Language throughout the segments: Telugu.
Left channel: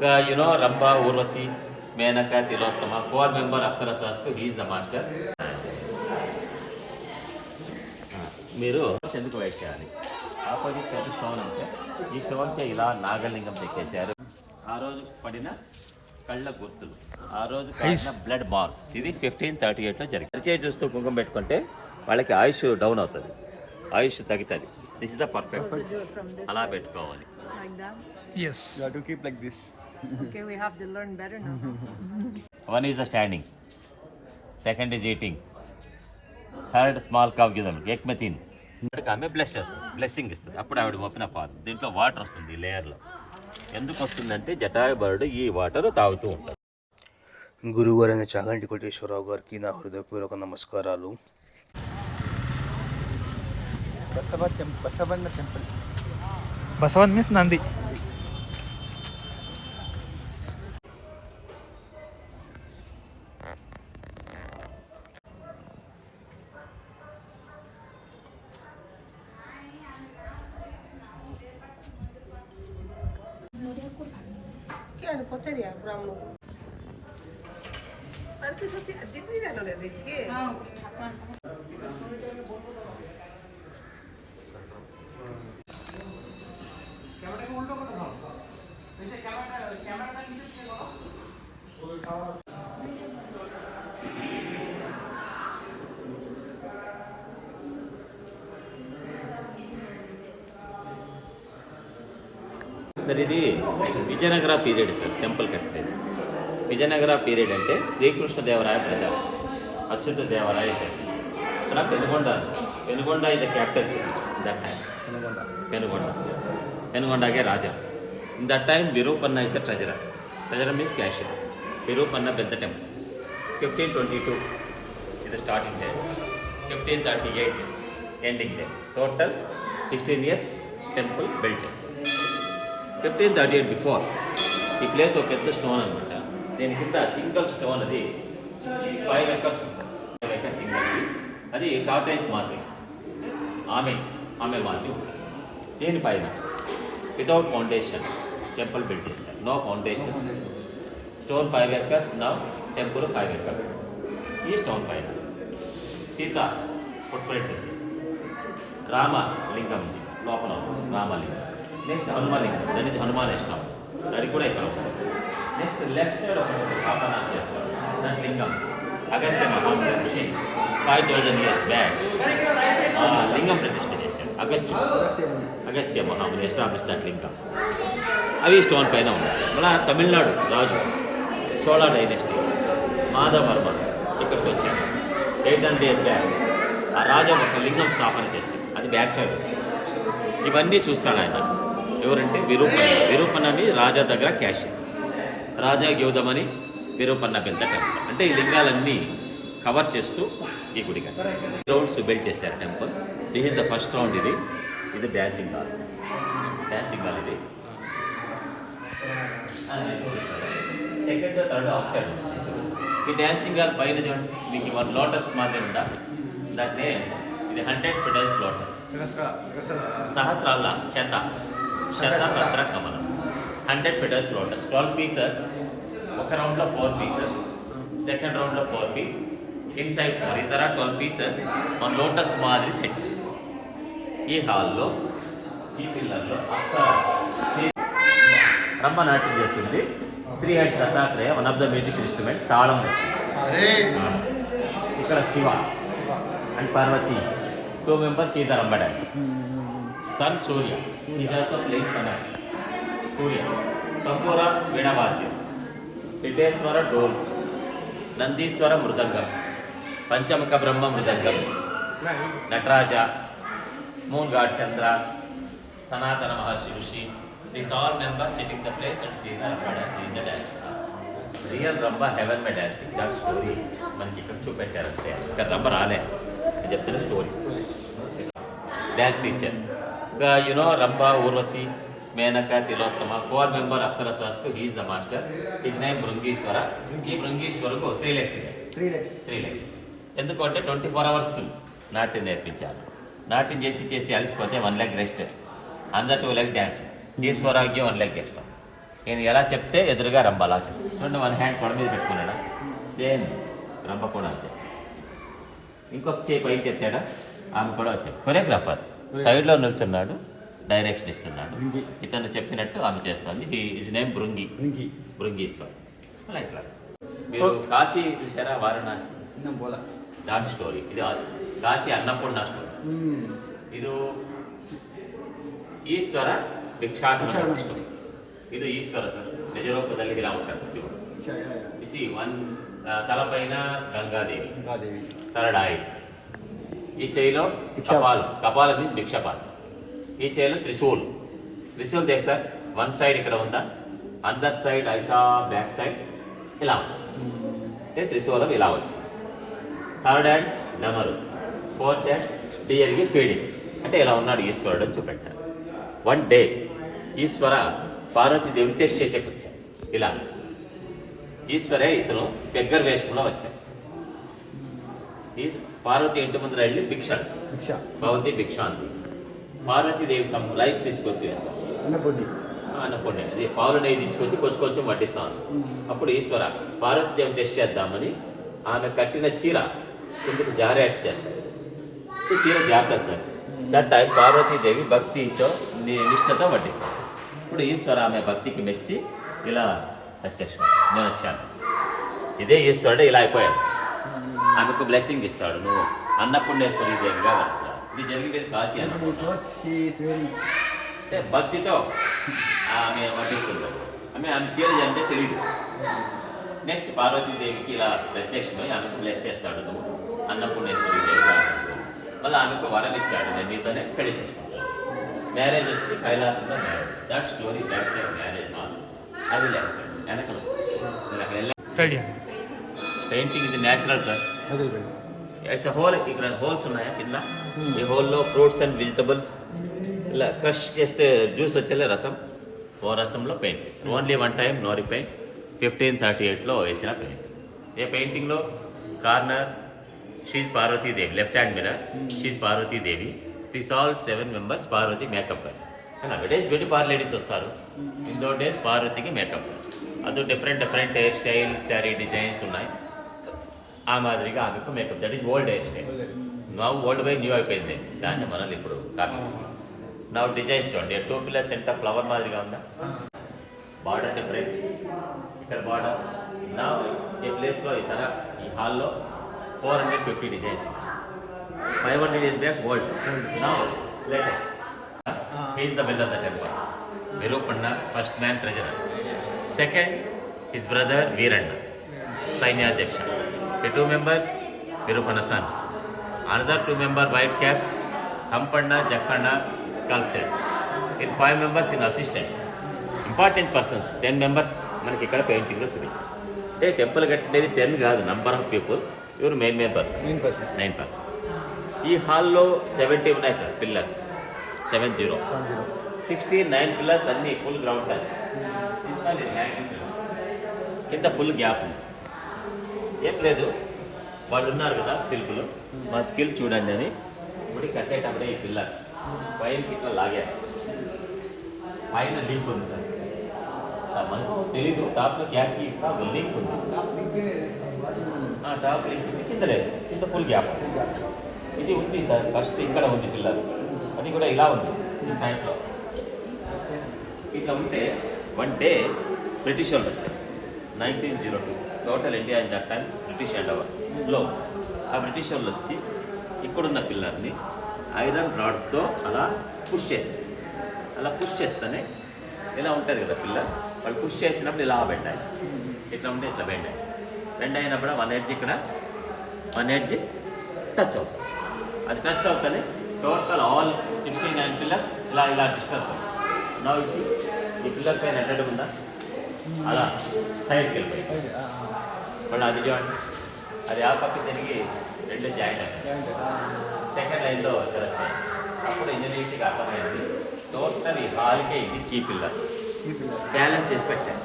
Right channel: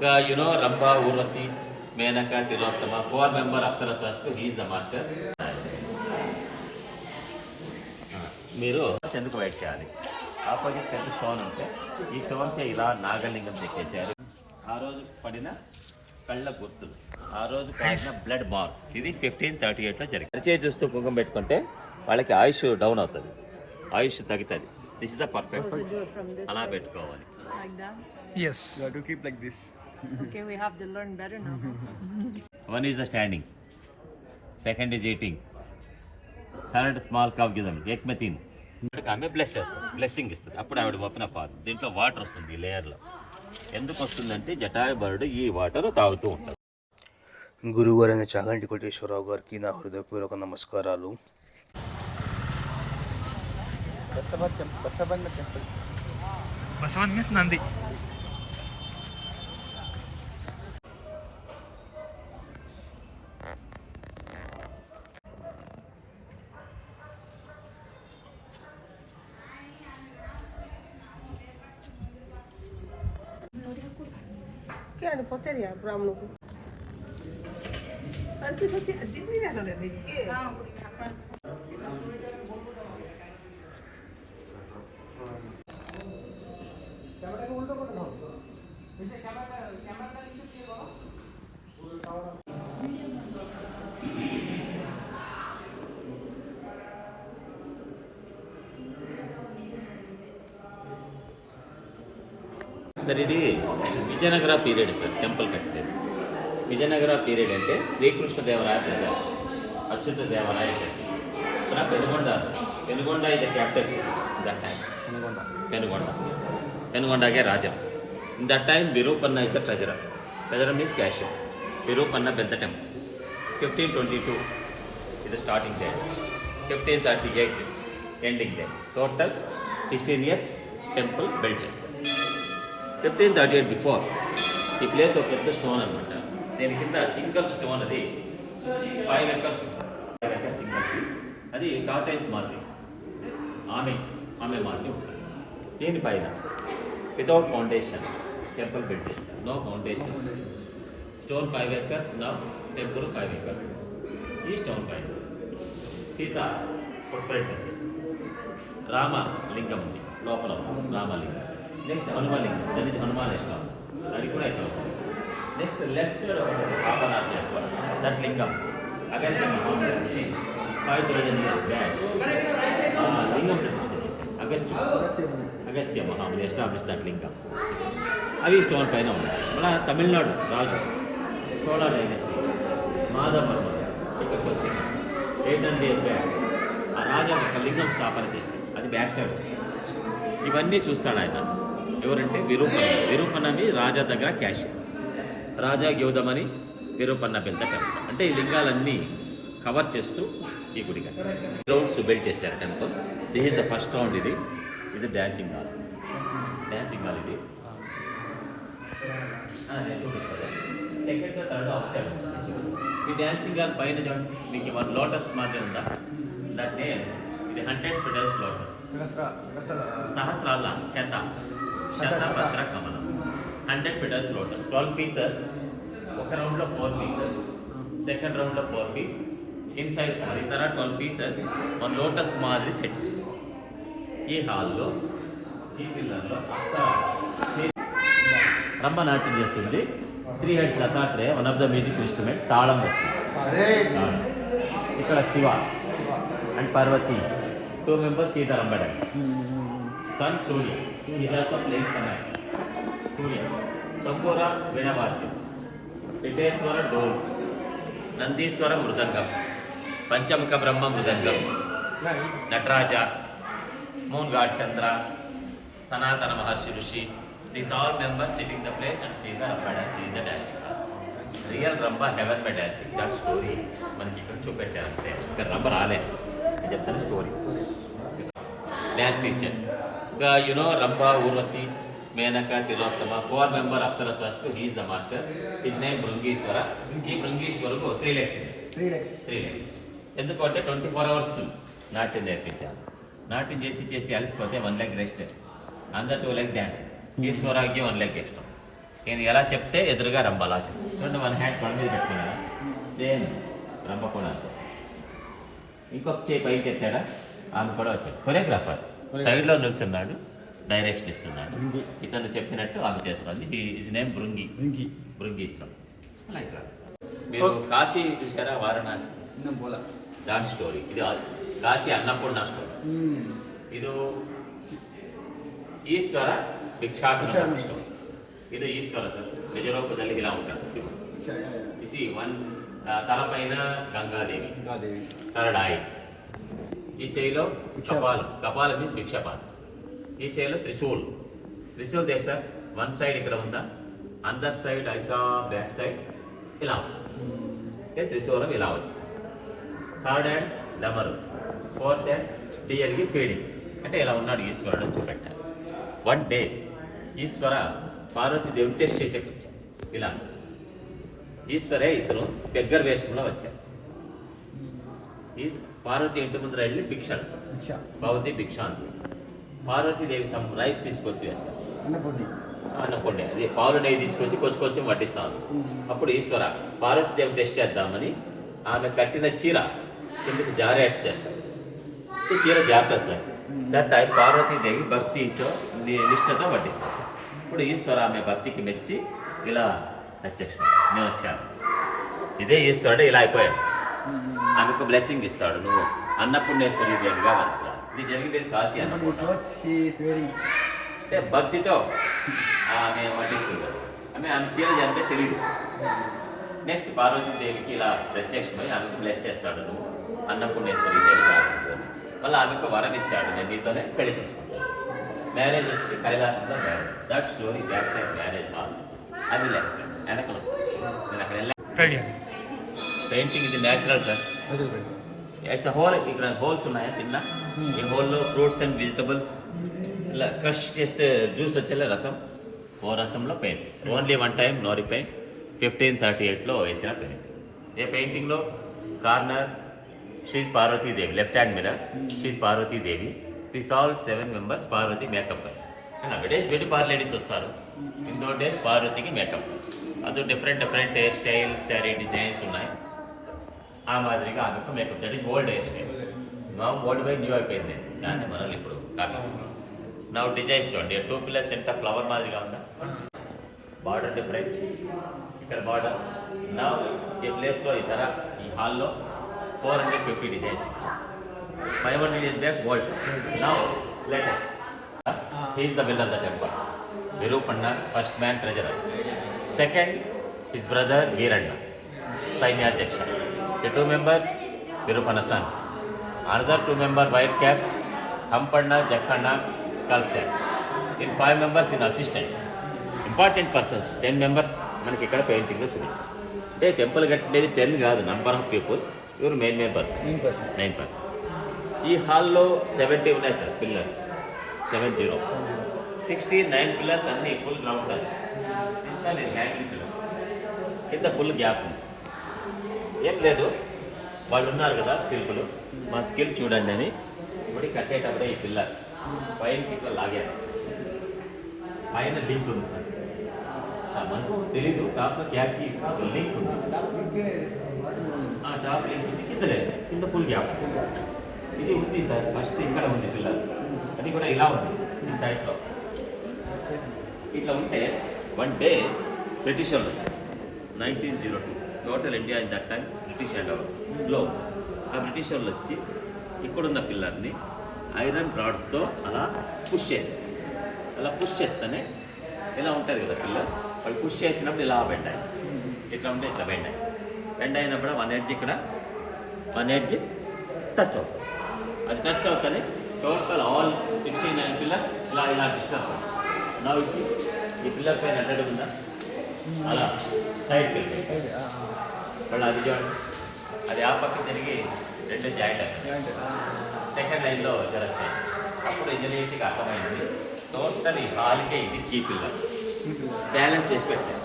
The, you know, Ramba, Urvasi, Menaka, four member Apsarasas, he is the master. మీరు ఎందుకు వెయిట్ చేయాలి? ఆపోజిట్ పెద్ద స్టోన్ ఉంటే ఈ స్టోన్కి ఇలా నాగలింగం చెక్కేశారు. ఆ రోజు పడిన కళ్ళ గుర్తులు ఆ రోజు బ్లడ్ మార్క్స్ ఇది ఫిఫ్టీన్ థర్టీ ఎయిట్లో జరిగింది. పరిచయం చూస్తూ కుంకుమ పెట్టుకుంటే వాళ్ళకి ఆయుష్ డౌన్ అవుతుంది. ఆయుష్ తగ్గుతుంది. దిస్ ఇస్ ద పర్ఫెక్ట్ అలా పెట్టుకోవాలి. Like that? Yes. You Okay, we have to learn better now. One is the standing second is eating third small cup గిదం ఎక్ మే తిన్ ఇక్కడికి ఆమె బ్లెస్ చేస్తుంది బ్లెస్సింగ్ ఇస్తుంది అప్పుడు ఆవిడ ఓపెన్ అప్ అవుతుంది దీంట్లో వాటర్ వస్తుంది ఈ లేయర్లో ఎందుకు వస్తుందంటే జటాయు బరుడు ఈ వాటర్ తాగుతూ ఉంటుంది గురువుగారైన చాగంటి కోటేశ్వరరావు గారికి నా హృదయపూర్వక నమస్కారాలు Basavan means Nandi. సార్ ఇది విజయనగర పీరియడ్ సార్ టెంపుల్ కట్టేది విజయనగర పీరియడ్ అంటే శ్రీకృష్ణ దేవరాయ ప్రజా అచ్యుత దేవరాయ ఇక్కడ పెనుగొండ పెనుగొండ ఇది capital city that time Penukonda Penukonda పెనుగొండగే raja in that time Virupanna is the treasurer treasurer means cashier Virupanna పెద్ద టెంపుల్ ఫిఫ్టీన్ ట్వంటీ టూ ఇది starting day fifteen thirty eight ending day total sixteen years temple build చేస్తారు ఫిఫ్టీన్ థర్టీ ఎయిట్ బిఫోర్ ఈ ప్లేస్ ఒక పెద్ద స్టోన్ అనమాట దీని కింద సింగిల్ స్టోన్ అది. Five acres five acres single piece అది కాటేజ్ మార్కెట్ ఆమె ఆమె మార్కెట్ దీనిపైన వితౌట్ ఫౌండేషన్ టెంపుల్ బిల్డ్ చేశారు. No foundation stone five acres నా టెంపుల్ ఫైవ్ ఎకర్స్ ఈ స్టోన్ పైన సీత ఫుట్ప్రింట్ రామ లింగం ఉంది లోపల రామలింగం. నెక్స్ట్ హనుమలింగం దాని నుంచి హనుమాన్ ఇష్టం అది కూడా ఇక్కడ వస్తుంది next left side Papanasheshwaram that lingam Agastya Mahamuni rishi five thousand years back lingam ప్రతిష్ఠ చేశాడు అగస్త్య అగస్త్య మహాముని ఎస్టాబ్లిష్ దట్ లింగం అవి స్టోన్ పైన ఉన్నాయి మళ్ళీ తమిళనాడు రాజు చోళ డైనెస్టీ మాధవర్మ ఇక్కడికి వచ్చాడు ఎయిట్ హండ్రెడ్ ఇయర్స్ బ్యాక్ ఆ రాజా ఒక లింగం స్థాపన చేశాడు. అది బ్యాక్ సైడ్ ఇవన్నీ చూస్తాడు ఆయన. ఎవరంటే విరూపన్న. విరూపన్నని రాజా దగ్గర క్యాషియర్ రాజా గౌతమని విరూపన్న పెద్ద టెంపుల్. అంటే ఈ లింగాలన్నీ కవర్ చేస్తూ ఈ గుడిగా రౌండ్స్ బిల్డ్ చేశారు temple. This is the first round ఇది. ఇది డ్యాన్సింగ్ హాల్ డ్యాన్సింగ్ హాల్ ఇది. సెకండ్ థర్డ్ ఈ డ్యాన్సింగ్ హాల్ పైన చూడండి. మీకు వన్ లోటస్ మాదిరి ఉందా? దాన్ని ఇది హండ్రెడ్ పెటల్స్ లోటస్ సహస్రాల శత. శత పత్ర కమలం. Hundred petals lotus twelve pieces ఒక రౌండ్లో ఫోర్ పీసెస్ సెకండ్ రౌండ్లో ఫోర్ పీస్ ఇన్సైడ్ ఫోర్ ఇతర ట్వెల్వ్ పీసెస్ వన్ లోటస్ మాదిరి సెట్ చేశారు. ఈ హాల్లో ఈ పిల్లర్లో రమ్మ నాట్యం చేస్తుంది. Three heads Dattatreya one of the music instrument తాళం వస్తుంది. ఇక్కడ Shiva. And Parvati. Two members సీతారాంబ dance sun Surya is also playing sun Surya తంబూర వీణవాద్యం పిటేశ్వర డోల్ నందీశ్వర మృదంగం పంచముఖ బ్రహ్మ మృదంగం నటరాజ మూన్ గాడ్ చంద్ర సనాతన మహర్షి ఋషి these all members sitting the place and see the Rambha dance in the dance real Rambha heaven the dancing that story మనకి ఇక్కడ చూపెట్టారు అంతే ఇక్కడ రంభ రాలే నేను చెప్తున్న story dance teacher the you know Rambha Urvashi Menaka Tilottama four member అప్సరసాస్కు he is the master his name Bhringishwara ఈ బృంగీశ్వరకు త్రీ ಇದೆ Three legs. త్రీ లెక్స్ ఎందుకంటే ట్వంటీ ఫోర్ అవర్స్ నాట్యం నేర్పించాలి. నాట్యం చేసి చేసి అలసిపోతే వన్ లెగ్ రెస్ట్ అందర్ టూ లెగ్ డ్యాన్స్ ఈశ్వరాగ్యం వన్ లెగ్ ఇష్టం నేను ఎలా చెప్తే ఎదురుగా రంబ అలా చేస్తాను రెండు వన్ హ్యాండ్ కొడ మీద పెట్టుకున్నాడా? సేమ్ రంబ కూడా అంతే. ఇంకొక చేయి పైకి ఎత్తాడా? ఆమె కూడా వచ్చాడు. కొరియోగ్రాఫర్ సైడ్లో నిల్చున్నాడు డైరెక్షన్ ఇస్తున్నాడు ఇతను చెప్పినట్టు ఆమె చేస్తుంది ఇది ఇస్ నేమ్ బృంగి బృంగీశ్వర్ అలా ఇక్కడ మీరు కాశీ చూసారా వారణాసి దాని స్టోరీ ఇది ఆ- కాశీ అన్నపూర్ణ స్టోరీ ಇದು ಈಶ್ವರ ಭಿಕ್ಷಾಟನ ಸ್ಟೋರಿ ಇದು ಈಶ್ವರ ಸರ್ ನಿಜರೂಪದಲ್ಲಿ ఇలా ఉంటాడు శివుడు ఇసి వన్ తలపైన గంగాదేవి తలడాయి ఈ చేయిలో కపాలం. కపాలం మీన్స్ భిక్షపాలం ఈ చేయిలో trishul. Trishul sir one side ఇక్కడ ఉందా? అందర్ సైడ్ ఐసా బ్యాక్ సైడ్ ఇలా ఉంది అంటే త్రిశూలం ఇలా వచ్చింది థర్డ్ హ్యాండ్ డమరు ఫోర్త్ హ్యాండ్ డియర్కి ఫీడింగ్. అంటే ఇలా ఉన్నాడు ఈశ్వరుడు అని చూపెట్టారు. One day. ఈశ్వర పార్వతీదేవిని టెస్ట్ చేసేకి వచ్చాడు ఇలా. ఈశ్వరే ఇతను పెగ్గర్ వేషంలో వచ్చాడు. పార్వతి ఇంటి ముందర వెళ్ళి భిక్ష అడుగుతాడు. భవతి భిక్ష అంది పార్వతీదేవి సమ్ రైస్ తీసుకొచ్చి వేస్తాడు అన్నపూర్ణ. అది పాలు నెయ్యి తీసుకొచ్చి కొంచెం కొంచెం వడ్డిస్తాను. అప్పుడు ఈశ్వర పార్వతీదేవి టెస్ట్ చేద్దామని ఆమె కట్టిన చీర కిందకి జారేట్టు చేస్తాడు ఈ చీర జాగ్రత్త సార్. దట్ టైం పార్వతీదేవి భక్తితో ని- నిష్ఠతో వడ్డిస్తాడు ఇప్పుడు ఈశ్వర ఆమె భక్తికి మెచ్చి ఇలా ప్రత్యక్షం నేను వచ్చాను. ఇదే ఈశ్వరుడు ఇలా అయిపోయాడు. ఆమెకు బ్లెస్సింగ్ ఇస్తాడు నువ్వు. అన్నపూర్ణేశ్వరి దేవిగా వెళ్తా ఇది జరిగేది కాశీ అన్నపూర్ణ అంటే భక్తితో ఆమె వడ్డిస్తుంది ఆమె ఆమె చీర అంటే తెలియదు నెక్స్ట్ పార్వతీదేవికి ఇలా ప్రత్యక్షమై ఆమెకు బ్లెస్ చేస్తాడు నువ్వు. అన్నపూర్ణేశ్వరి దేవిగా మళ్ళీ ఆమెకు వరం ఇచ్చాడు. నేను నీతోనే పెళ్ళి చేసుకుంటాను. మ్యారేజ్ వచ్చి కైలాసంలో marriage that story that side marriage hall I will explain వెనకలు వస్తుంది నేను అక్కడ వెళ్ళి పెయింటింగ్ ఇది న్యాచురల్ సార్ ఇట్స్ హోల్ ఇక్కడ హోల్స్ ఉన్నాయా కింద? ఈ హోల్లో ఫ్రూట్స్ అండ్ వెజిటబుల్స్ ఇలా క్రష్ చేస్తే జ్యూస్ వచ్చేలే రసం. ఓ రసంలో పెయింట్ చేశారు ఓన్లీ వన్ టైం నోరి పెయింట్ ఫిఫ్టీన్ థర్టీ ఎయిట్లో వేసిన పెయింట్ ఏ పెయింటింగ్లో corner she's Parvatidevi left hand మీద she's Parvatidevi this all seven members Parvati makeup girls days beauty parlour ladies వస్తారు. ఇన్ దో డేస్ పార్వతికి మేకప్ గర్ల్స్ అది different different hair styles sari designs ఉన్నాయి. ఆ మాదిరిగా ఆమెకు makeup that is old style నా. ఓల్డ్ బై న్యూ అయిపోయింది. దాన్ని మనం ఇప్పుడు కాపీ నా డిజైన్స్ చూడండి. టూ పిల్లర్స్ ఎంత ఫ్లవర్ మాదిరిగా ఉందా? బార్డర్ డిఫరెంట్ ఇక్కడ బార్డర్ నా ఈ ప్లేస్లో ఇతర ఈ హాల్లో four hundred fifty designs five hundred years back old నా latest he's the bill of the temple Virupanna first man treasurer second his brother Veeranna సైన్యాధ్యక్ష the two members Virupanna sons another two member white caps Hampanna Jakkanna sculptures in five members in assistants important persons ten members మనకి ఇక్కడ పెయింటింగ్లో చూపించారు అంటే టెంపుల్ కట్టేది టెన్ కాదు number of people ఇవరు main main person nine person ఈ హాల్లో సెవెంటీ ఉన్నాయి sir pillars seven zero sixty nine pillars అన్ని ఫుల్ గ్రౌండ్ లైన్స్ కింద ఫుల్ గ్యాప్ ఉంది. ఏం లేదు. వాళ్ళు ఉన్నారు కదా శిల్పులు మా స్కిల్ చూడండి అని ఇప్పుడు కట్టేటప్పుడు ఈ పిల్ల పైన ఇట్లా లాగారు పైన లింక్ ఉంది సార్. మనకు తెలీదు. టాప్లో గ్యాప్కి లింక్ ఉంది. ఆ టాప్ లింక్ ఉంది, కింద లేదు. కింద ఫుల్ గ్యాప్ ఇది ఉంది సార్. ఫస్ట్ ఇక్కడ ఉంది పిల్లలు అది కూడా ఇలా ఉంది. ఈ టైప్లో ఇట్లా ఉంటే వన్ డే బ్రిటిష్ వాళ్ళు వచ్చారు. Nineteen zero two total India in that time British hand ఓవర్లో ఆ బ్రిటిష్ వాళ్ళు వచ్చి ఇక్కడున్న పిల్లర్ని ఐరన్ రాడ్స్తో అలా పుష్ చేసింది అలా పుష్ చేస్తేనే ఇలా ఉంటుంది కదా పిల్లర్? వాళ్ళు పుష్ చేసినప్పుడు ఇలా బెండాయి ఇట్లా ఉంటే ఇట్లా బెండాయి బెండ్ అయినప్పుడు వన్ ఎడ్జ్ ఇక్కడ వన్ ఎడ్జ్ టచ్ అవుతుంది. అది టచ్ అవుతానే total all sixty nine pillars ఇలా ఇలా డిస్టర్బ్ నా ఇసి ఈ పిల్లర్ పైన ఎన్నడు ఉందా? అలా సైడ్కి వెళ్ళిపోయి మళ్ళీ అది చూడండి అది ఆ పక్క తిరిగి రెండు జాయింట్. సెకండ్ లైన్లో జరుగుతాయి అప్పుడు ఇంజనీరింగ్ అర్థమైంది. టోటల్ ఈ హాల్కే ఇది కీ పిల్లర్ బ్యాలెన్స్ చేసి పెట్టారు.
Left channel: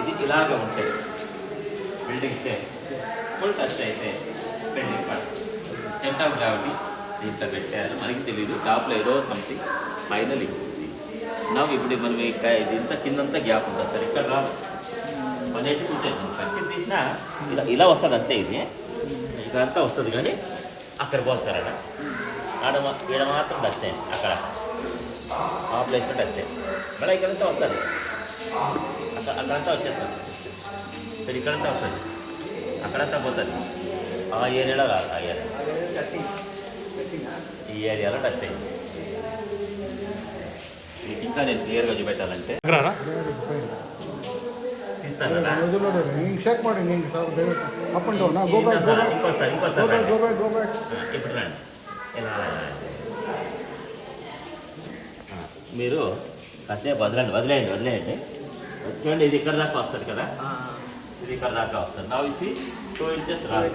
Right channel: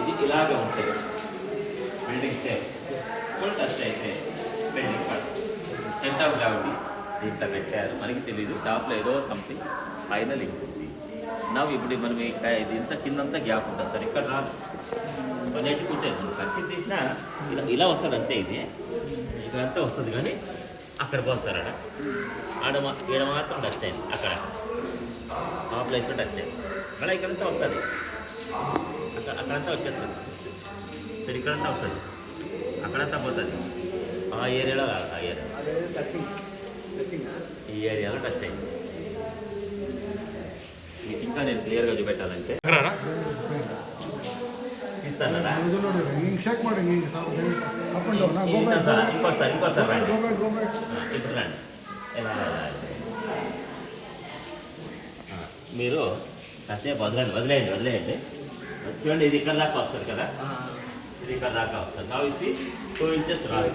ఇది ఇలాగ ఉంటాయి బిల్డింగ్ సేమ్ ఫుల్ టచ్ అయితే బిల్డింగ్ పడుతుంది సెంటర్ ఆఫ్ గ్రావిటీ దీంట్లో పెట్టారు. మనకి తెలియదు టాప్లో ఏదో సంథింగ్ లింక్ ఉంది నవ్వు ఇప్పుడు మనం ఇది ఇంత కిందంతా గ్యాప్ ఉంటుంది సార్ ఇక్కడ రా పని అయితే కూర్చొని కట్టి తీసినా ఇలా ఇలా వస్తుంది అంతే ఇది. ఇదంతా వస్తుంది కానీ అక్కడ పోతుంది ఆడ. ఆడ ఈడ మాత్రం టచ్ అయింది అక్కడ ఆ ప్లేస్లో టచ్ అయింది మళ్ళీ ఇక్కడంతా వస్తుంది. అక్కడ అక్కడంతా వచ్చేస్తుంది. ఇక్కడ ఇక్కడంతా వస్తుంది. అక్కడంతా పోతుంది. ఆ ఏరియాలో కాదు ఆ ఏరియా ఈ ఏరియాలో టచ్ అయింది ఇంకా నేను క్లియర్గా చూపెట్టాలంటే. రండి. ఇప్పుడు రండి. మీరు కాసేపు వదలండి వదిలేయండి వదిలేయండి. చూడండి ఇది ఇక్కడ దాకా వస్తుంది కదా? ఇది ఇక్కడ దాకా వస్తుంది. నా ఇసి టూ ఇంచెస్ రాదు.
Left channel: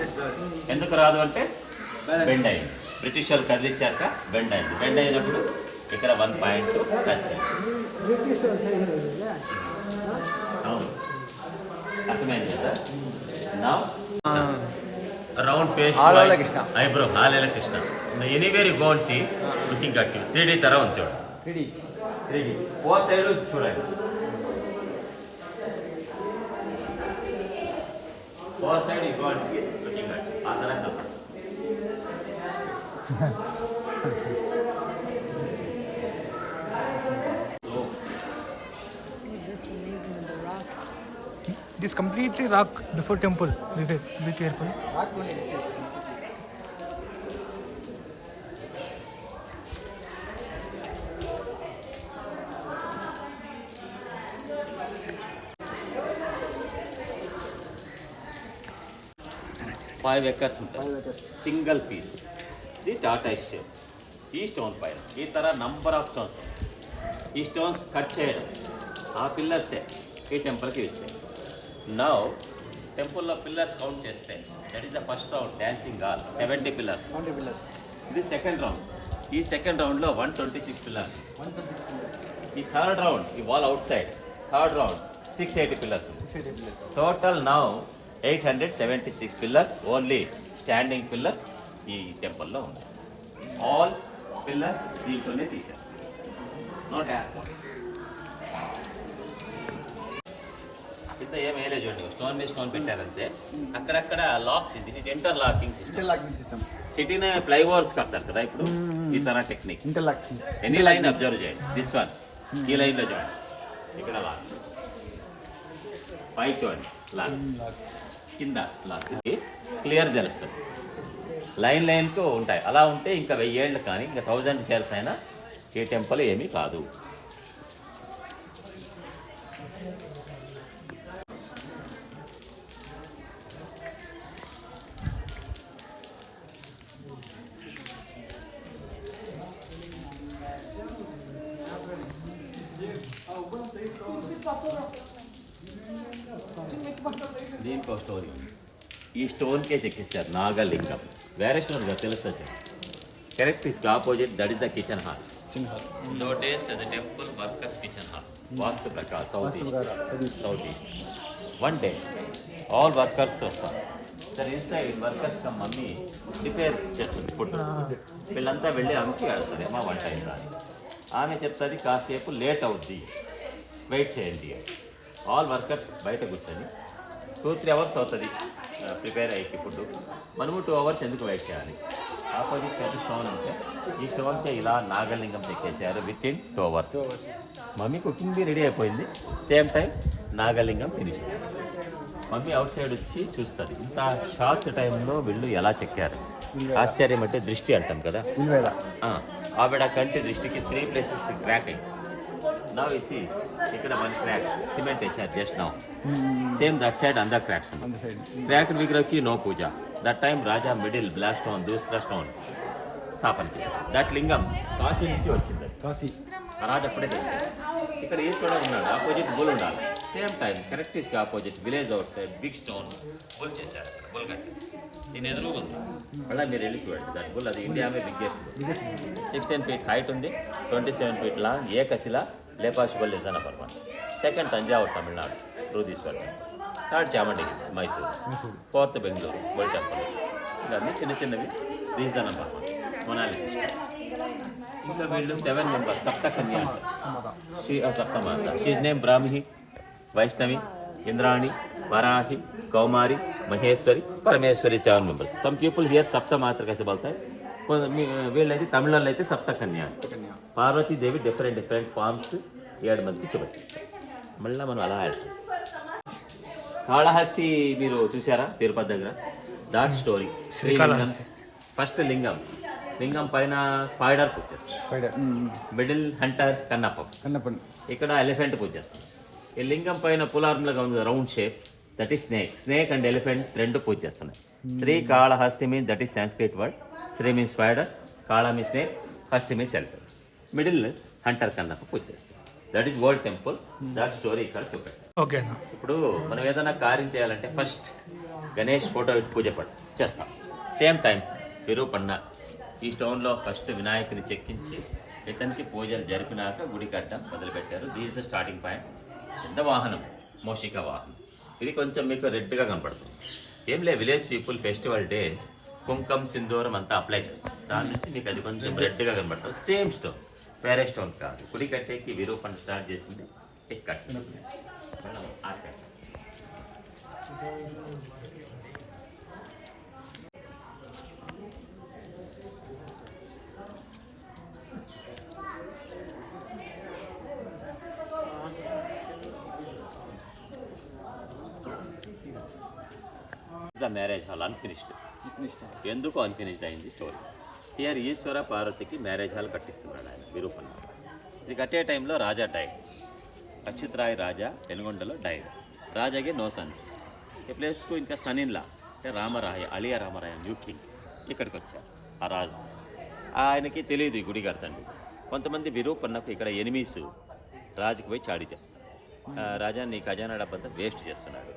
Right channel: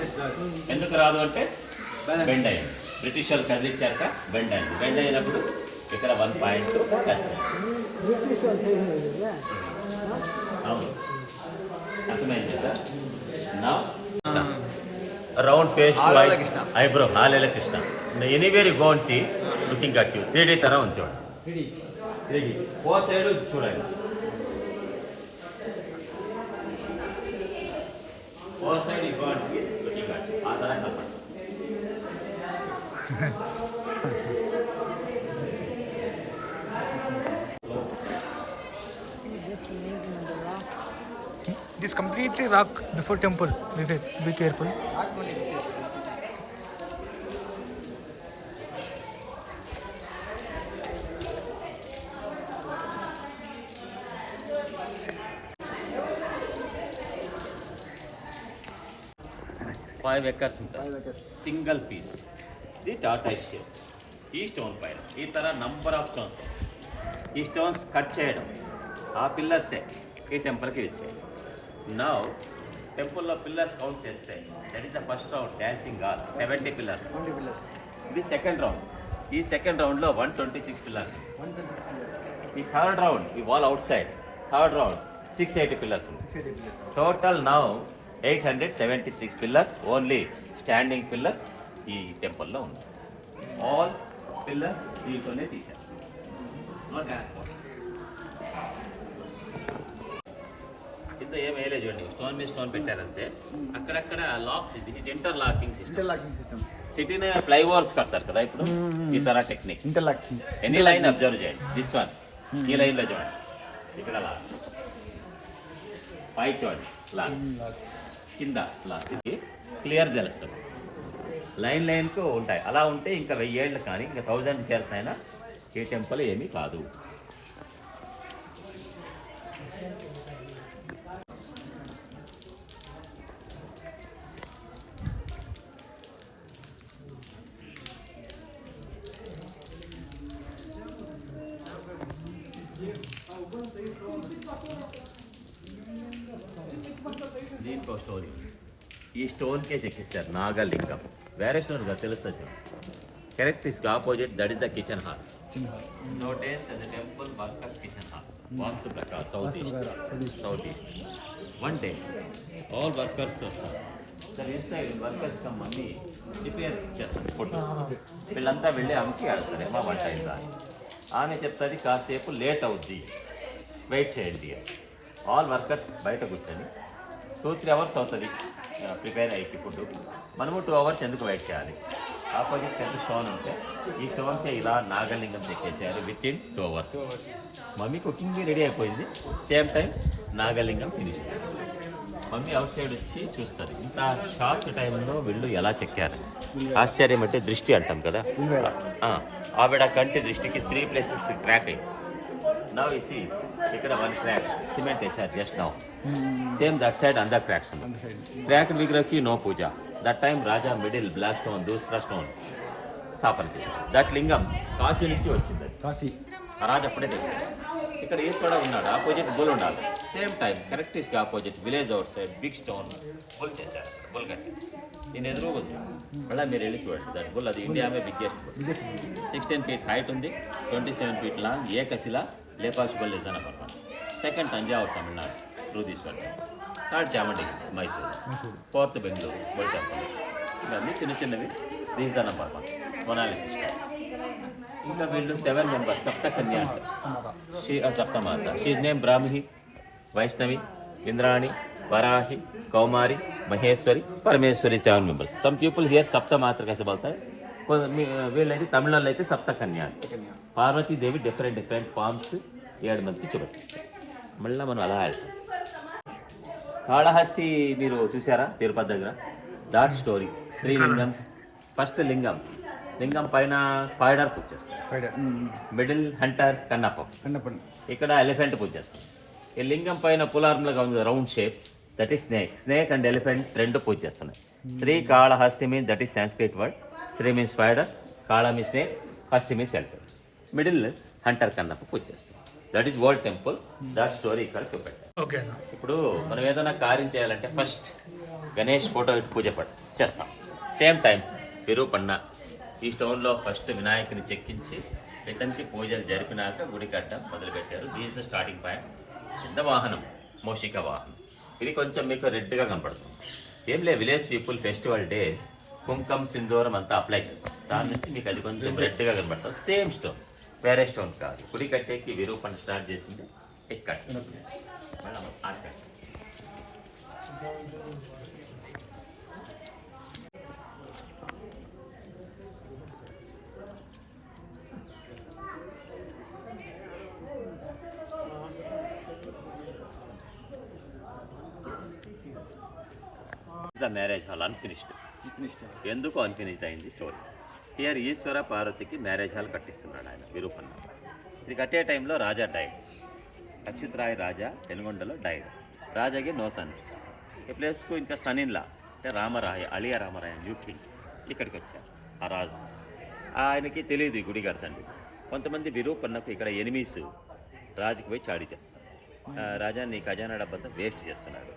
ఎందుకు రాదు అంటే బెండ్ అయింది. బ్రిటిష్ వాళ్ళు కదిలిచ్చాక బెండ్ అయింది. బెండ్ అయినప్పుడు ఇక్కడ వన్ పాయింట్ టచ్ అయింది అవును అర్థమైంది కదా నా round face voice eyebrow హాలేల Krishna anywhere you gonna see looking at you three D తర ఉంచోండి త్రీ డీ ఓ సైడ్ చూడండి ఓ side you gonna see looking at ఆ తర This lived in the rock. This completely rock before temple. Be, be careful. Five acres ఉంటాయి. సింగిల్ పీస్ ఇది టాటా షేర్ ఈ స్టోన్ పైన. ఈ తర నంబర్ ఆఫ్ స్టోన్స్ ఉన్నాయి ఈ స్టోన్స్ కట్ చేయడం. ఆ పిల్లర్సే ఈ టెంపుల్కి ఇచ్చాయి నౌ టెంపుల్లో పిల్లర్స్ కౌంట్ చేస్తే that is the first round dancing all seventy pillars ఇది సెకండ్ రౌండ్ ఈ సెకండ్ రౌండ్లో వన్ ట్వంటీ సిక్స్ పిల్లర్స్ ఈ థర్డ్ రౌండ్ ఈ wall outside third round six eighty pillars total now eight hundred seventy six pillars only standing pillars ఈ టెంపుల్లో ఉన్నాయి. ఆల్ పిల్లర్స్ దీంట్లోనే తీశారు. కింద ఏం వేయలేదు చూడండి స్టోన్ మీద స్టోన్ పెట్టారంటే అక్కడక్కడ లాక్స్ ఇది ఇంటర్ లాకింగ్ సిస్టమ్ సిస్టమ్ సిటీనే ఫ్లైఓవర్స్ కడతారు కదా ఇప్పుడు ఈ తర technique interlocking any line observe చేయండి. దిస్ వన్ ఈ లైన్లో చూడండి. ఇక్కడ లాక్ పైకి చూడండి. లాక్ కింద లాక్ ఇది క్లియర్ తెలుస్తుంది. లైన్ లైన్కు ఉంటాయి. అలా ఉంటే ఇంకా వెయ్యేళ్ళు కానీ ఇంకా థౌజండ్ షేర్స్ అయినా ఏ టెంపుల్ ఏమీ కాదు. ఈ స్టోన్కే చెక్కిస్తారు నాగలింగం. వేరే స్టోన్ కదా తెలుస్తుంది correct is opposite that is the kitchen hall లోటేస్ the temple workers kitchen hall vastu ప్రకార్ south east south east one day all workers వస్తారు. Sir inside workers mummy prepare చేస్తుంది ఫుడ్ వీళ్ళంతా వెళ్ళి అమ్మికి ఆడతారు. ఏమా వంట అయిందా. ఆమె చెప్తుంది కాసేపు లేట్ అవుద్ది. వెయిట్ చేయండి. ఆల్ వర్కర్స్ బయట కూర్చొని టూ త్రీ అవర్స్ అవుతుంది. ప్రిపేర్ అయ్యి ఫుడ్ మనము టూ అవర్స్ ఎందుకు వెయిట్ చేయాలి? ఆపోజిట్ పెద్ద స్టోన్ ఉంటే ఈ స్టోన్కే ఇలా Nagalingam చెక్కేసారు within two hours mummy cooking ready అయిపోయింది. Same time Nagalingam finish mummy outside వచ్చి చూస్తుంది. ఇంకా షార్ట్ టైంలో వీళ్ళు ఎలా చెక్కారు? ఆశ్చర్యం అంటే దృష్టి అంటాం కదా? ఆవిడ కంటి దృష్టికి త్రీ ప్లేసెస్ క్రాక్ అయింది. నా ఇసి ఇక్కడ వన్ క్రాక్ సిమెంట్ వేసారు just now same that side అందర్ cracks crack విగ్రహకి no puja. That time raja middle black stone దూసరా stone స్థాపన దట్ లింగం కాశీ నుంచి వచ్చింది. కాశీ. రాజు అప్పుడే తెలిసాడు. ఇక్కడ ఈశ్వరుడు ఉన్నాడు. ఆపోజిట్ బుల్ ఉండాలి. Same time correct ఇస్కి opposite village outside big stone bull చేశారు అక్కడ బుల్ కట్టి. నేను ఎదురు ఉంది. మళ్ళీ మీరు వెళ్ళి చూడండి. దట్ బుల్ అది India biggest bull sixteen feet height ఉంది. ట్వంటీ సెవెన్ ఫీట్ లాంగ్ ఏకశిల లేపాషిబల్ నిజాన పర్వతం second Thanjavur Tamil Nadu Brihadeeswar temple third Chamundi hills, Mysore fourth Bengaluru bull temple ఇవన్నీ చిన్న చిన్నవి దీస్ ద నంబర్ వన్ మొనాలి ఇంకా వీళ్ళు సెవెన్ మెంబర్స్ సప్త కన్యా అంటారు she సప్తమాత she's name Brahmi Vaishnavi Indrani Varahi Kaumari Maheshwari Parameshwari seven members some people here సప్త మాత్ర कैसे बोलता है కొ- మీ- వీళ్ళైతే తమిళనాడులో అయితే సప్త కన్యా అంటారు. పార్వతీదేవి డిఫరెంట్ డిఫరెంట్ ఫార్మ్స్ ఏడు మందికి చూపెట్టిస్తారు మళ్ళీ మనం అలా ఆడతాం. కాళహస్తి మీరు చూసారా తిరుపతి దగ్గర. That story. శ్రీలింగం ఫస్ట్ లింగం. లింగం పైన spider puja middle hunter Kannappa. ఇక్కడ ఎలిఫెంట్ పూజ ఈ లింగం పైన పులార్ములుగా ఉంది round shape. That is snake. Snake and elephant రెండు పూజ చేస్తున్నాయి. Sri Kalahasti means that is Sanskrit word. Sri means spider Kala me snake Hasti means elephant middle hunter Kannappa puja చేస్తారు. That is world temple that story ఇక్కడ చూపెట్టారు ఓకే ఇప్పుడు మనం ఏదైనా కార్యం చేయాలంటే ఫస్ట్ గణేష్ ఫోటో పూజ పట్టు చేస్తాం. సేమ్ టైం విరూపన్న ఈ స్టోన్లో ఫస్ట్ వినాయకుని చెక్కించి ఇతనికి పూజలు జరిపినాక గుడి కట్టడం మొదలుపెట్టారు. దీస్ స్టార్టింగ్ పాయింట్ పెద్ద వాహనం మోషిక వాహనం. ఇది కొంచెం మీకు రెడ్గా కనపడుతుంది. ఏం లే విలేజ్ పీపుల్ ఫెస్టివల్ డే కుంకం సింధూరం అంతా అప్లై చేస్తాం దాని నుంచి మీకు అది కొంచెం రెడ్గా కనపడుతుంది. సేమ్ స్టోన్ వేరే స్టోన్ కాదు. గుడి కట్టేకి విరూపణ స్టార్ట్ చేసింది ఇక్కడ ద మ్యారేజ్ హాల్ అన్ఫినిష్డ్ ఎందుకు అన్ఫినిష్డ్ అయింది స్టోరీ టిఆర్ ఈశ్వర పార్వతికి మ్యారేజ్ హాల్ కట్టిస్తున్నాడు ఆయన విరూపన్న. ఇది కట్టే టైంలో రాజా డైడ్. అచ్యుత్ రాయ్ రాజా వెనుగొండలో డైడ్. రాజాకి నో సన్స్. ఈ ప్లేస్కు ఇంకా సనిన్లా అంటే రామరాయ అలియా రామరాయ న్యూట్రిన్ ఇక్కడికి వచ్చారు ఆ రాజు. ఆయనకి తెలియదు ఈ గుడి కడతండి. కొంతమంది విరూపన్నకు ఇక్కడ ఎనిమీస్ రాజుకి పోయి చాడి "ఆ, రాజా నీ ఖజానా డబ్బంతా వేస్ట్ చేస్తున్నాడు.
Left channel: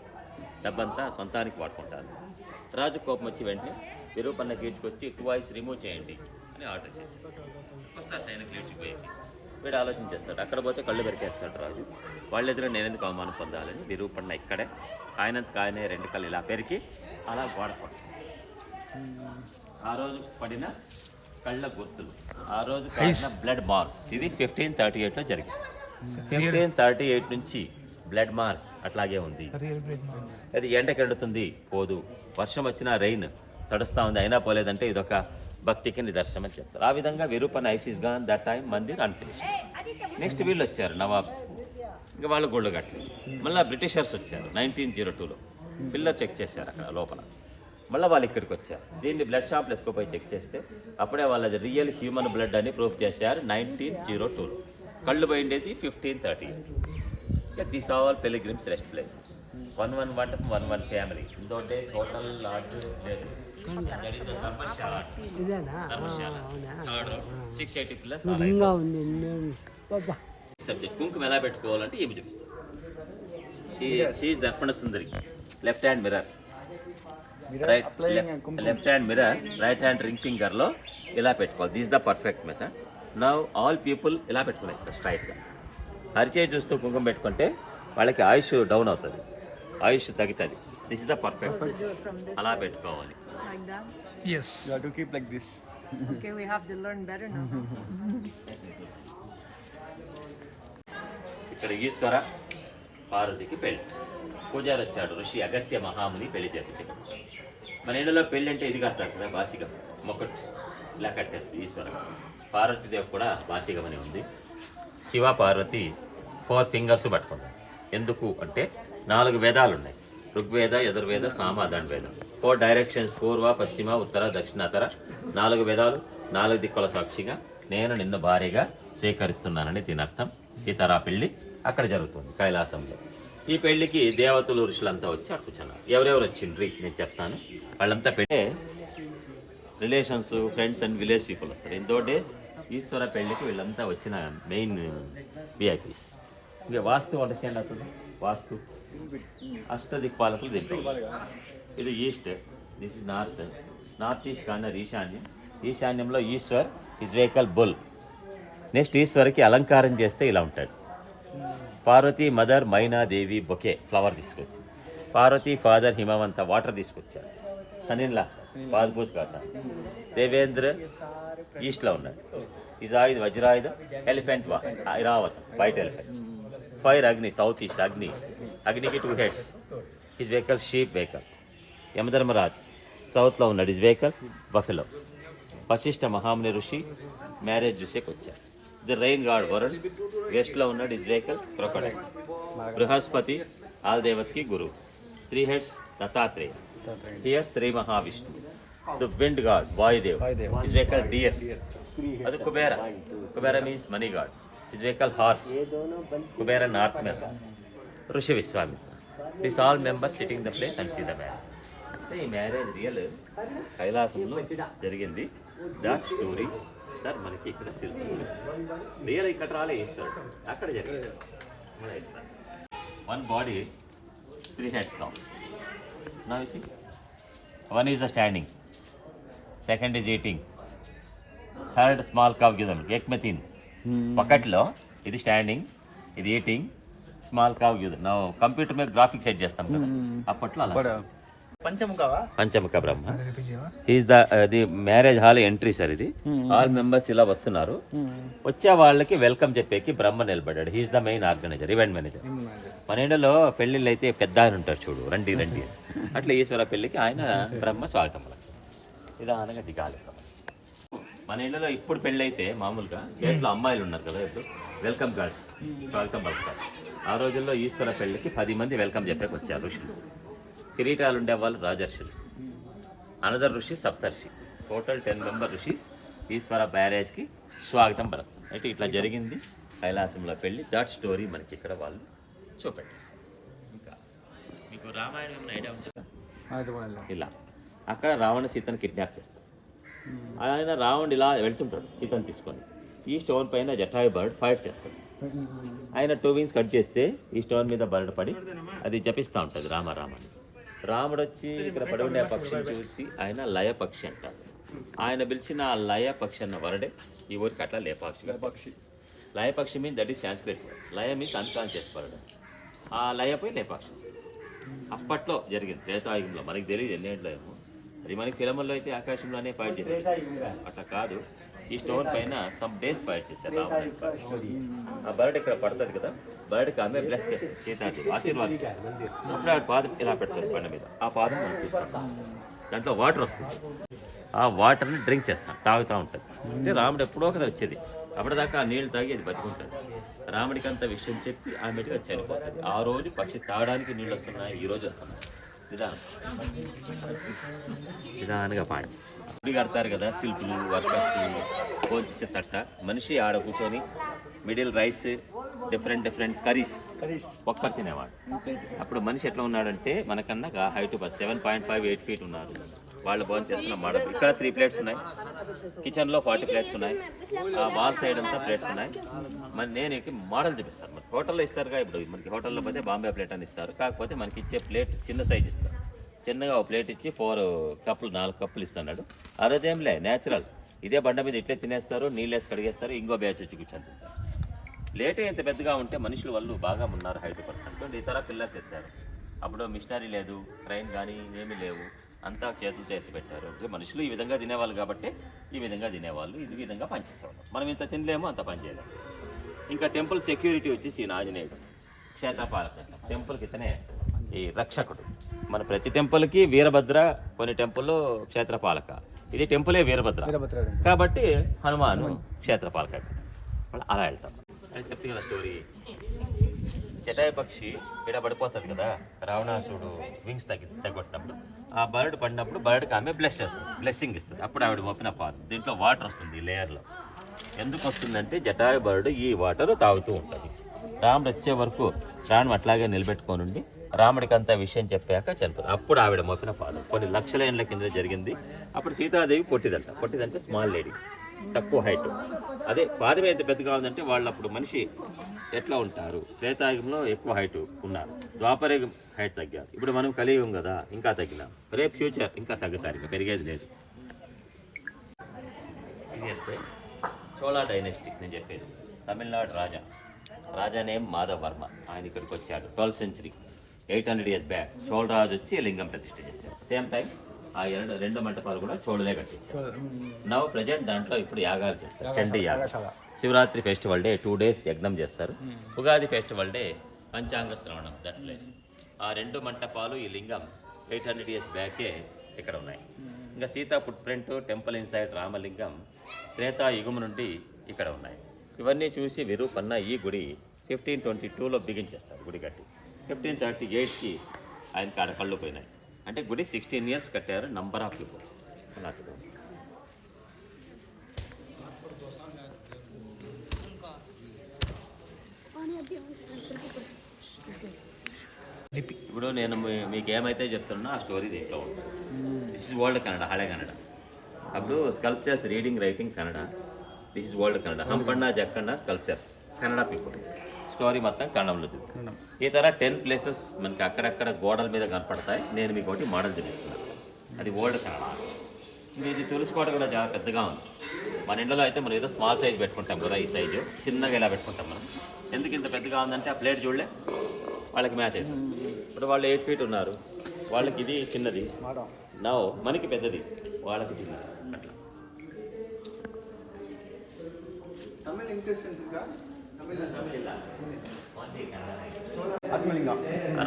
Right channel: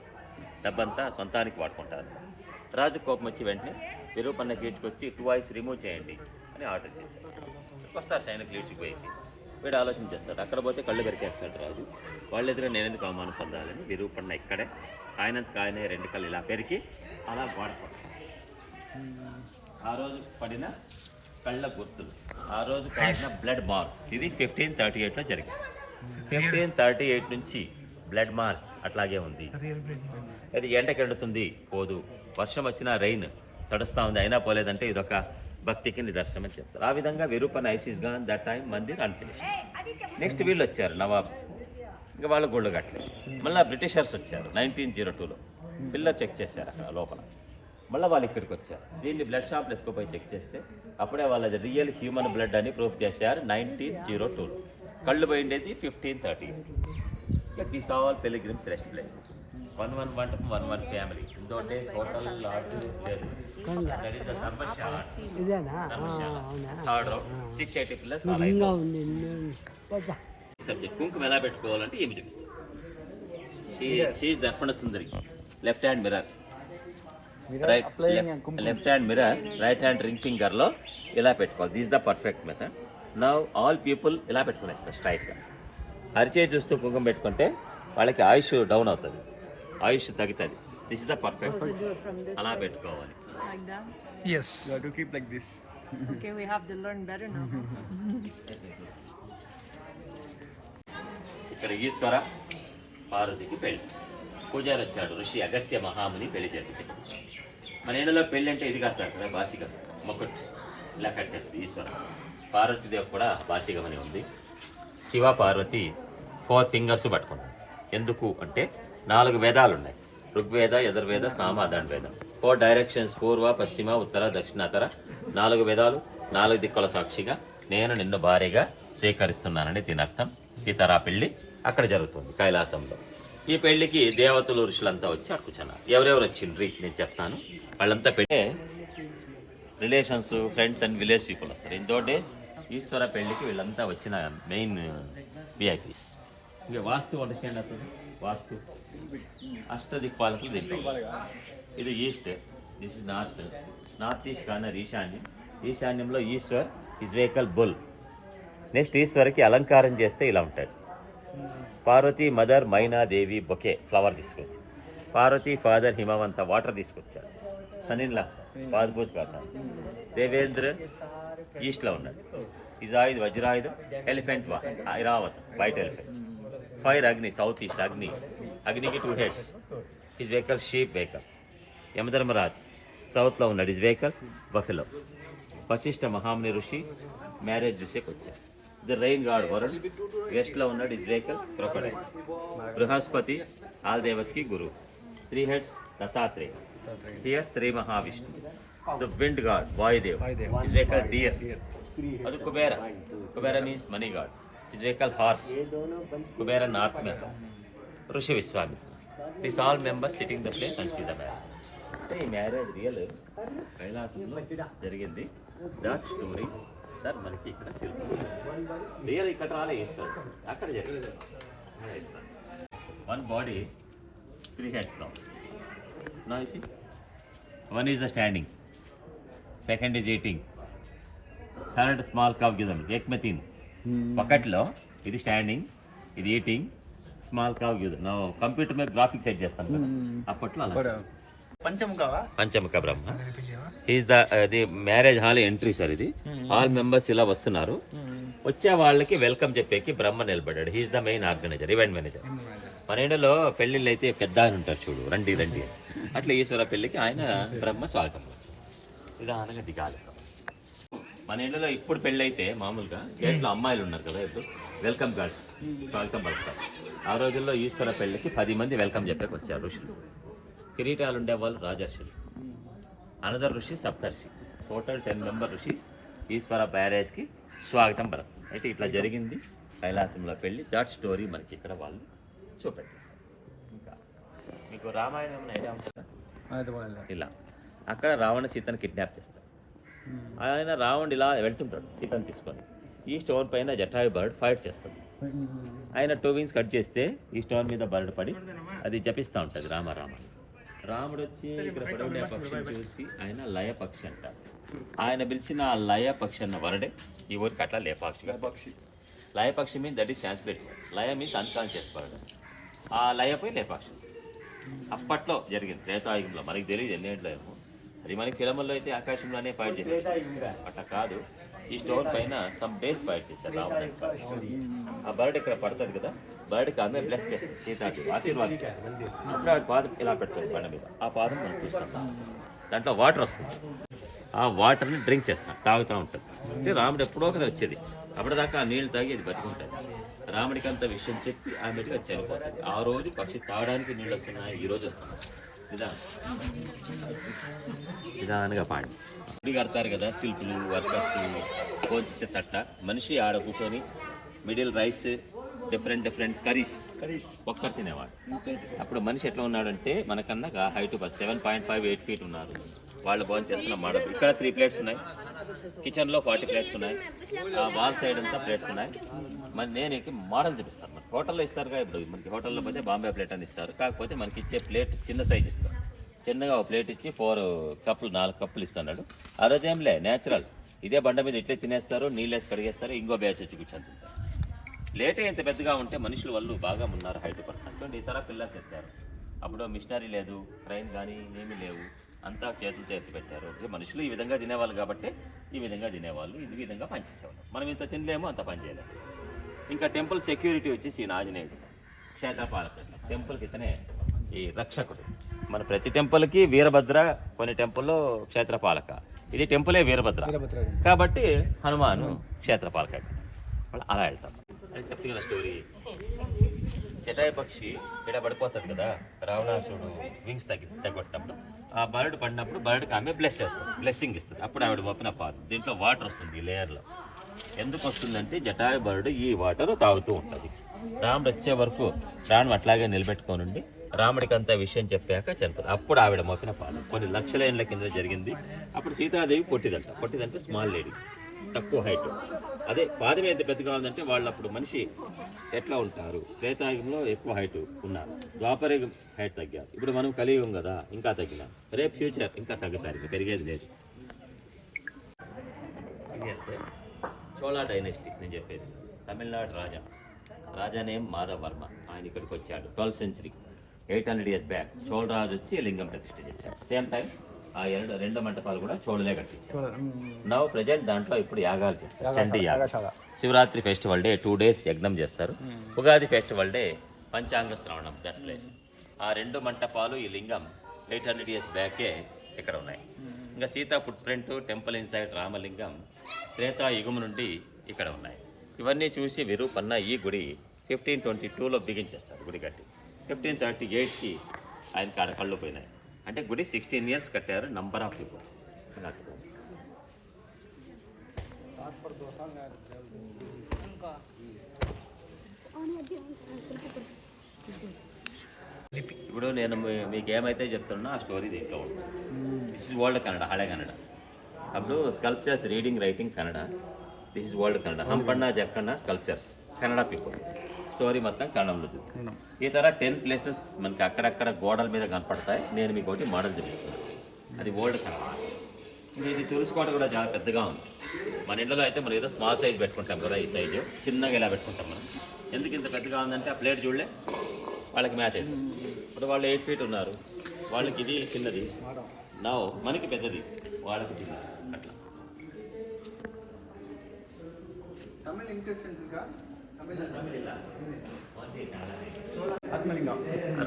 డబ్బంతా సొంతానికి వాడుకుంటాను. రాజు కోపం వచ్చి వెంటనే విరూపన్న గీడ్చుకొచ్చి టూ వాయిస్ రిమూవ్ చేయండి అని ఆర్డర్ చేశారు వస్తారు ఆయనకు లేచిపోయేది. వీడు ఆలోచన చేస్తాడు అక్కడ పోతే కళ్ళు పెరికేస్తాడు రాజు. వాళ్ళ ఎదురు నేను ఎందుకు అవమానం పొందాలని విరూపన్న ఇక్కడే ఆయనంతకు ఆయనే రెండు కళ్ళు ఇలా పెరికి అలా గోడ కొట్టాడు ఆ రోజు పడిన కళ్ళ గుర్తులు ఆ రోజు పడిన బ్లడ్ మార్క్స్ ఇది ఫిఫ్టీన్ థర్టీ ఎయిట్లో జరిగింది. ఫిఫ్టీన్ థర్టీ ఎయిట్ నుంచి బ్లడ్ మార్క్స్ అట్లాగే ఉంది. అది ఎండకి ఎండుతుంది పోదు. వర్షం వచ్చినా రెయిన్ తడుస్తూ ఉంది అయినా పోలేదంటే ఇదొక భక్తికి నిదర్శనం అని చెప్తారు. ఆ విధంగా Virupan eyes gone that time Mandir unfinished next వీళ్ళు వచ్చారు నవాబ్స్. ఇంకా వాళ్ళు గోల్డ్ కట్టలేదు. మళ్ళీ బ్రిటిషర్స్ వచ్చారు నైన్టీన్ జీరో టూలో పిల్లర్ చెక్ చేశారు అక్కడ లోపల. మళ్ళీ వాళ్ళు ఇక్కడికి వచ్చారు. దీన్ని బ్లడ్ షాప్లో ఎత్తుకుపోయి చెక్ చేస్తే అప్పుడే వాళ్ళది రియల్ హ్యూమన్ బ్లడ్ అని ప్రూఫ్ చేశారు నైన్టీన్ జీరో టూలో కళ్ళు పోయిండేది fifteen thirty this all pilgrims rest place one one one one one family ఇందో days hotel dharamshala dharamshala third six eighty pillars subject కుంకుమ ఎలా పెట్టుకోవాలంటే ఏమి చూపిస్తారు she Darpana Sundari left hand mirror right left hand mirror right hand ring ఫింగర్లో ఇలా పెట్టుకోవాలి? This the perfect method now all people ఇలా పెట్టుకునేస్తారు? స్ట్రైట్గా అరిచే చూస్తూ కుంకుమ పెట్టుకుంటే వాళ్ళకి ఆయుష్ డౌన్ అవుతుంది. ఆయుష్ తగ్గుతుంది. దిస్ ఇస్ ద పర్ఫెక్ట్ అలా పెట్టుకోవాలి. Like that. Yes to keep like this. Okay, we have to learn better now. ఇక్కడ ఈశ్వర పార్వతికి పెళ్ళి. పూజారి వచ్చాడు ఋషి అగస్త్య మహాముని పెళ్ళి జరిపించాడు. మన ఇంట్లో పెళ్ళి అంటే ఇది కడతారు కదా బాసిగం మొక్కట్. ఇలా కట్టారు ఈశ్వర. పార్వతీదేవి కూడా బాసిగం అని ఉంది. శివ పార్వతి ఫోర్ ఫింగర్స్ పట్టుకుంటాం. ఎందుకు అంటే నాలుగు వేదాలు ఉన్నాయి ఋగ్వేద యజుర్వేద సామాధాన వేదం. ఫోర్ డైరెక్షన్స్ పూర్వ పశ్చిమ ఉత్తర దక్షిణాతర నాలుగు వేదాలు నాలుగు దిక్కుల సాక్షిగా నేను నిన్ను భారీగా స్వీకరిస్తున్నానని దీని అర్థం ఈ తరా పెళ్ళి అక్కడ జరుగుతుంది కైలాసంలో. ఈ పెళ్ళికి దేవతలు ఋషులంతా వచ్చి అర్పుచున్నారు ఎవరెవరు వచ్చిండ్రి? నేను చెప్తాను. వాళ్ళంతా పెట్టే relations friends and village people వస్తారు. ఇన్ దో డేస్ ఈశ్వర పెళ్ళికి వీళ్ళంతా వచ్చిన మెయిన్ విఐపీస్ ఇది వాస్తు అండర్స్టాండ్ అవుతుంది. వాస్తు. అష్టదిక్పాలకులు తీసుకోవాలి ఇది east this is north. North east corner ఈశాన్యం. ఈశాన్యంలో Ishwar is vehicle bull. Next ఈశ్వర్కి అలంకారం చేస్తే ఇలా ఉంటాడు. Parvati mother Mainadevi bouquet flower తీసుకొచ్చి. పార్వతి ఫాదర్ హిమవంత వాటర్ తీసుకొచ్చారు. సనిన్లా పాజ్బూజ్ కాట దేవేంద్ర ఈస్ట్లో ఉన్నాడు. Izaid వజ్రాయుధ ఎలిఫెంట్ వా Airavat white elephant. Fire Agni, southeast Agni. Agni ki two heads. His vehicle, sheep vehicle. Yamadharmaraj, south లో ఉన్నాడు his vehicle, buffalo. వశిష్ఠ మహాముని ఋషి మ్యారేజ్ చూసేకి వచ్చారు ది రైన్ గాడ్ వరుణ్ వెస్ట్లో ఉన్నాడు is vehicle crocodile Brihaspati all దేవతకి guru three heads Dattatreya here Sri Mahavishnu the wind god Vayudev is vehicle deer అది Kubera Kubera means money god is vehicle horse Kubera north member rishi విశ్వామి this all members sitting the place and see the marriage ఈ మ్యారేజ్ రియల్ కైలాసంలో జరిగింది. దాట్ స్టోరీ దాట్ మనకి ఇక్కడ శిల్పం రియల్ ఇక్కడ రాలే ఈశ్వరుడు. అక్కడ జరిగింది. One body three heads down నా see one is the standing second is eating third small cow గిజమ్ ఏక్ ఒకటిలో ఇది స్టాండింగ్ ఇది ఈటింగ్ స్మాల్ కావ్ కంప్యూటర్ మీద గ్రాఫిక్స్ సెట్ చేస్తాం కదా. అప్పట్లో అలా. పంచముఖవా? పంచముఖ Brahma. Is the the marriage hall entry sir ఇది. ఆల్ మెంబర్స్ ఇలా వస్తున్నారు. వచ్చే వాళ్ళకి వెల్కమ్ చెప్పేకి బ్రహ్మ నిలబడ్డాడు. He's the main organiser event manager మన ఇండియాలో పెళ్ళిళ్ళు అయితే పెద్ద ఆయన ఉంటాడు చూడు. రండి రండి. అట్లా ఈశ్వర పెళ్ళికి ఆయన బ్రహ్మ స్వాగతం. నిదానంగా దిగాలి. మన ఇళ్ళలో ఇప్పుడు పెళ్ళి అయితే మామూలుగా గేట్లో అమ్మాయిలు ఉన్నారు కదా ఇప్పుడు. వెల్కమ్ గర్ల్స్ స్వాగతం పలుకుతారు ఆ రోజుల్లో ఈశ్వర పెళ్ళికి పది మంది వెల్కమ్ చెప్పాక వచ్చారు ఋషులు. కిరీటాలు ఉండేవాళ్ళు రాజర్షులు. Another rishi సప్తర్షి. Total ten member rishis Ishwara బ్యారేజ్కి స్వాగతం పలుకుతారు. అయితే ఇట్లా జరిగింది. కైలాసంలో పెళ్ళి. దట్ స్టోరీ మనకి ఇక్కడ వాళ్ళు చూపెట్టేస్తారు ఇంకా మీకు రామాయణం ఐడియా ఉంటుందా ఇలా. అక్కడ రావణ సీతను కిడ్నాప్ చేస్తాడు. ఆయన రావణుడు ఇలా వెళ్తుంటాడు సీతను తీసుకొని. ఈ స్టోన్ పైన జటాయు బర్డ్ ఫైట్ చేస్తాడు. ఆయన టూ వింగ్స్ కట్ చేస్తే ఈ స్టోన్ మీద బర్డ్ పడి అది జపిస్తూ ఉంటుంది రామ రామ అని. రాముడు వచ్చి ఇక్కడ పడి ఉండే ఆ పక్షిని చూసి ఆయన లయ పక్షి అంటారు ఆయన పిలిచిన ఆ లయ పక్షి అన్న వరడే ఈ ఊరికి అట్లా లేపాక్షిగా పక్షి లయ పక్షి మీన్ దట్ ఈస్ సాంస్క్రిట్ లయ మీన్స్ అన్కాన్షియస్ బర్డ్ ఆ లయపై లేపాక్షి. అప్పట్లో జరిగింది త్రేతాయుగంలో మనకి తెలియదు ఎన్నేంట్లో ఏమో. అది మనకి ఫిలముల్లో అయితే ఆకాశంలోనే ఫైట్ చేసేది అట్లా కాదు ఈ స్టోన్ పైన సమ్ డేస్ ఫైట్ చేశారు రావణ ఆ బర్డ్ ఇక్కడ పడుతుంది కదా బర్డ్కి ఆమె బ్లెస్ చేస్తారు సీతాజీ ఆశీర్వాదం అప్పుడు ఆ పాదం ఇలా పెడతారు బండ మీద. ఆ పాదం మనం చూస్తాం దాంట్లో వాటర్ వస్తుంది. ఆ వాటర్ని డ్రింక్ చేస్తాం తాగుతూ ఉంటుంది. అంటే రాముడు ఎప్పుడో కదా వచ్చేది. అప్పటిదాకా ఆ నీళ్ళు తాగి అది బతికుంటుంది. రాముడికి అంత విషయం చెప్పి ఆమెకి అది చనిపోతుంది. ఆ రోజు పక్షి తాగడానికి నీళ్ళు వస్తున్నాయి ఈ రోజు వస్తున్నాయి. నిదానంగా పాడి. గుడి కడతారు కదా శిల్పులు వర్కర్స్ భోంచేసే తట్ట. మనిషి ఆడ కూర్చొని middle rice different different curries ఒక్కరు తినేవాడు. అప్పుడు మనిషి ఎట్లా ఉన్నాడంటే మనకన్నా height seven point five eight feet ఉన్నారు. వాళ్ళు భోజనం చేస్తున్న మోడల్ ఇక్కడ త్రీ ప్లేట్స్ ఉన్నాయి. కిచెన్లో ఫార్టీ ప్లేట్స్ ఉన్నాయి. ఆ వాల్ సైడ్ అంతా ప్లేట్స్ ఉన్నాయి. మరి నేను మోడల్ చూపిస్తాను. మరి హోటల్లో ఇస్తారుగా ఇప్పుడు. మనకి హోటల్లో పోతే బాంబే ప్లేట్ అని ఇస్తారు. కాకపోతే మనకి ఇచ్చే ప్లేట్ చిన్న సైజ్ ఇస్తారు. చిన్నగా ఒక ప్లేట్ ఇచ్చి ఫోర్ కప్పులు నాలుగు కప్పులు ఇస్తున్నాడు ఆ రోజు ఏం లే న్యాచురల్ ఇదే బండ మీద ఇట్లే తినేస్తారు నీళ్ళు వేసి కడిగేస్తారు ఇంకో బ్యాచ్ వచ్చి కూర్చొని తింటారు. లేటే ఇంత పెద్దగా ఉంటే మనుషులు వాళ్ళు బాగా ఉన్నారు హైట్ పర్సెంట్. ఇతర పిల్లర్స్ ఎత్తారు అప్పుడు మిషనరీ లేదు ట్రైన్ కానీ ఏమీ లేవు. అంతా చేతులతో ఎత్తి పెట్టారు మనుషులు ఈ విధంగా తినేవాళ్ళు కాబట్టి ఈ విధంగా తినేవాళ్ళు ఇది విధంగా పనిచేసేవాళ్ళు. మనం ఇంత తినలేము అంత పని చేయలేము. ఇంకా టెంపుల్ సెక్యూరిటీ వచ్చేసి ఈయన ఆంజనేయుడు క్షేత్రపాలక టెంపుల్కి ఇతనే ఈ రక్షకుడు. మన ప్రతి టెంపుల్కి వీరభద్ర కొన్ని టెంపుల్లో క్షేత్రపాలక. ఇది టెంపులే వీరభద్ర. కాబట్టి హనుమాను క్షేత్రపాలక. అలా వెళ్తాం అని చెప్తే కదా స్టోరీ జటాయ పక్షి ఇక్కడ పడిపోతుంది కదా రావణాసుడు వింగ్స్ తగ్గి తగ్గొట్టినప్పుడు ఆ బర్డ్ పడినప్పుడు బర్డ్కి ఆమె బ్లెస్ చేస్తుంది బ్లెస్సింగ్ ఇస్తుంది. అప్పుడు ఆవిడ మోపిన పాదు. దీంట్లో వాటర్ వస్తుంది ఈ లేయర్లో ఎందుకు వస్తుందంటే జటాయ బర్డ్ ఈ వాటర్ తాగుతూ ఉంటుంది. రాముడు వచ్చే వరకు ప్రాణం అట్లాగే నిలబెట్టుకొని ఉండి రాముడికి అంత విషయం చెప్పాక చనిపోతుంది అప్పుడు ఆవిడ మోపిన పాదం. కొన్ని లక్షల ఏళ్ళ కింద జరిగింది. అప్పుడు సీతాదేవి పొట్టిదంట. పొట్టిదంటే స్మాల్ లేడీ తక్కువ హైట్ అదే పాదం ఎంత పెద్దగా ఉందంటే వాళ్ళు అప్పుడు మనిషి ఎట్లా ఉంటారు? త్రేతాయుగంలో ఎక్కువ హైట్ ఉన్నారు. ద్వాపరయుగం హైట్ తగ్గారు. ఇప్పుడు మనం కలియుగం కదా ఇంకా తగ్గినాం. రేపు ఫ్యూచర్ ఇంకా తగ్గుతారు ఇంకా పెరిగేది లేదు. ఇది అంటే చోళా డైనెస్టీ నేను చెప్పేది. తమిళనాడు రాజా. రాజా నేమ్ మాధవ్ వర్మ. ఆయన ఇక్కడికి వచ్చాడు. Twelfth century eight hundred years back చోళరాజు వచ్చి లింగం ప్రతిష్ఠ చేశారు సేమ్ టైం ఆ ఎరడు రెండు మంటపాలు కూడా చోళలే కట్టించారు. నవ్ ప్రజెంట్ దాంట్లో ఇప్పుడు యాగాలు చేస్తారు. చండి యాగం. Shivaratri festival day two days యజ్ఞం చేస్తారు. ఉగాది ఫెస్టివల్ డే పంచాంగ శ్రవణం దట్ ప్లేస్ ఆ రెండు మంటపాలు ఈ లింగం ఎయిట్ హండ్రెడ్ ఇయర్స్ బ్యాకే ఇక్కడ ఉన్నాయి. ఇంకా Sita footprint temple inside Ramalingam Shweta యుగం నుండి ఇక్కడ ఉన్నాయి. ఇవన్నీ చూసి విరూపన్న ఈ గుడి ఫిఫ్టీన్ ట్వంటీ టూలో బిగించేస్తారు గుడి కట్టి. ఫిఫ్టీన్ థర్టీ ఎయిట్కి ఆయనకి ఆడ కళ్ళు పోయినాయి. అంటే గుడి సిక్స్టీన్ ఇయర్స్ కట్టారు నంబర్ ఆఫ్ పీపుల్ ఇప్పుడు నేను మీకు ఏమైతే చెప్తున్నా ఆ స్టోరీ దీంట్లో ఉంటుంది. దిస్ ఇస్ వరల్డ్ కన్నడ హಳೆ కన్నడ అప్పుడు sculptures reading writing Kannada this is world Kannada Hampanna Jakkanna sculptures Kannada people story మొత్తం కన్నడంలో చూపి ఈ తర టెన్ ప్లేసెస్ మనకి అక్కడక్కడ గోడల మీద కనపడతాయి. నేను మీకు ఒకటి మోడల్ చూపిస్తున్నాను అది ఓల్డ్ కన్నడ. ఇది తులసికోట కూడా చాలా పెద్దగా ఉంది. మన ఇంట్లో అయితే మనం ఏదో స్మాల్ సైజ్ పెట్టుకుంటాం కదా ఈ సైజు. చిన్నగా ఇలా పెట్టుకుంటాం మనం. ఎందుకు ఇంత పెద్దగా ఉందంటే ఆ ప్లేట్ చూడలే. వాళ్ళకి మ్యాచ్ అవుతుంది ఇప్పుడు వాళ్ళు ఎయిట్ ఫీట్ ఉన్నారు. వాళ్ళకి ఇది చిన్నది. నా మనకి పెద్దది. వాళ్ళకి చిన్నది. అట్లా.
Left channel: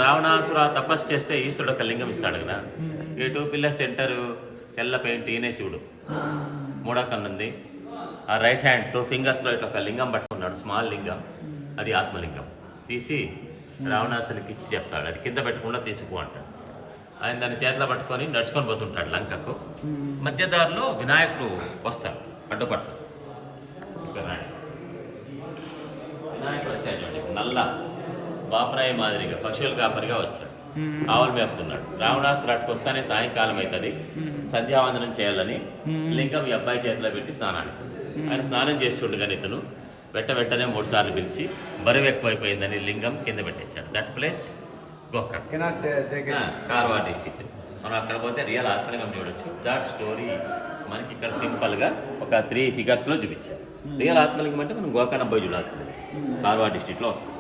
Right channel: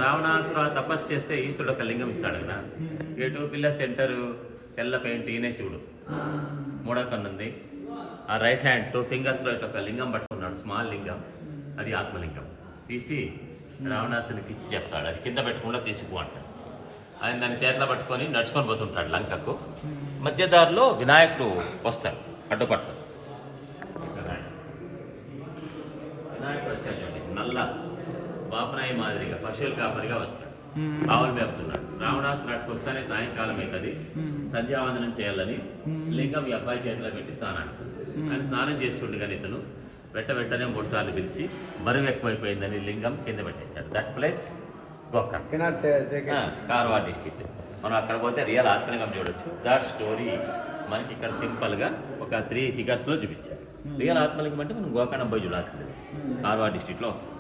రావణాసుర తపస్సు చేస్తే ఈశ్వరుడు ఒక లింగం ఇస్తాడు కదా. ఈ టూ పిల్లర్ సెంటర్ తెల్ల పెయింట్ ఈయనే శివుడు మూడో కన్ను ఉంది ఆ రైట్ హ్యాండ్ టూ ఫింగర్స్లో ఇట్లా ఒక లింగం పట్టుకున్నాడు స్మాల్ లింగం. అది ఆత్మలింగం. తీసి రావణాసునికి ఇచ్చి చెప్తాడు. అది కింద పెట్టకుండా తీసుకో అంటాడు ఆయన దాన్ని చేతిలో పట్టుకొని నడుచుకొని పోతుంటాడు లంకకు. మధ్యదారిలో వినాయకుడు వస్తాడు అడ్డుపట్టు వినాయకుడు వినాయకుడు వచ్చాడు చూడండి నల్ల బాపరాయి మాదిరిగా పశువుల కాపరిగా వచ్చాడు. ఆవులు మేపుతున్నాడు. రావణాసురు అటుకు వస్తానే సాయంకాలం అవుతుంది. సంధ్యావందనం చేయాలని లింగం ఈ అబ్బాయి చేతిలో పెట్టి స్నానానికి ఆయన స్నానం చేస్తుండగానే ఇతను వెంట వెంటనే మూడు సార్లు పిలిచి బరువు ఎక్కువైపోయిందని లింగం కింద పెట్టేశాడు. That place take Karwar district మనం అక్కడ పోతే రియల్ ఆత్మలింగం చూడొచ్చు. దాట్ స్టోరీ మనకి ఇక్కడ సింపుల్గా ఒక త్రీ ఫిగర్స్లో చూపించారు. రియల్ ఆత్మలింగం అంటే మనం గోకర్ణ పోయి చూడాల్సింది. కార్వా డిస్టిక్లో వస్తుంది.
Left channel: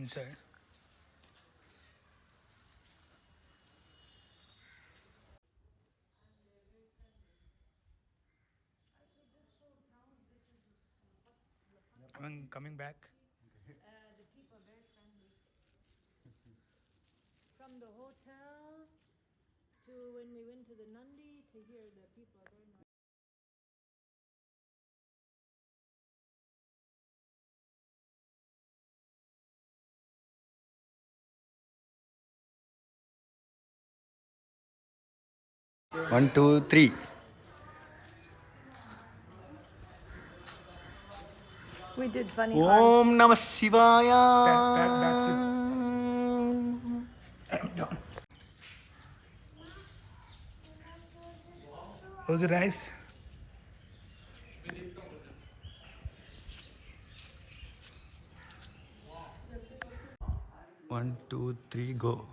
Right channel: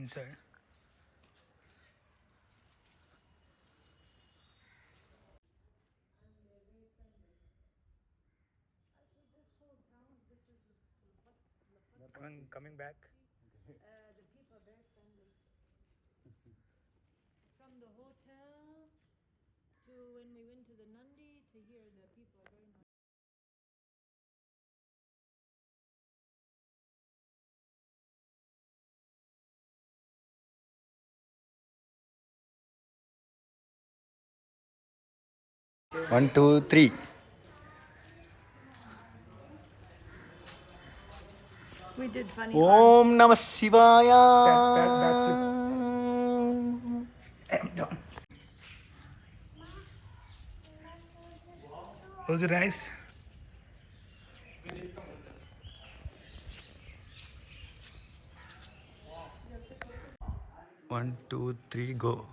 I'm coming back. From the hotel to when we went to the Nandi to here, the people are very nice. One two three ಓಂ ನಮ ಶಿವಾಯ Close your eyes. One, two, three, go.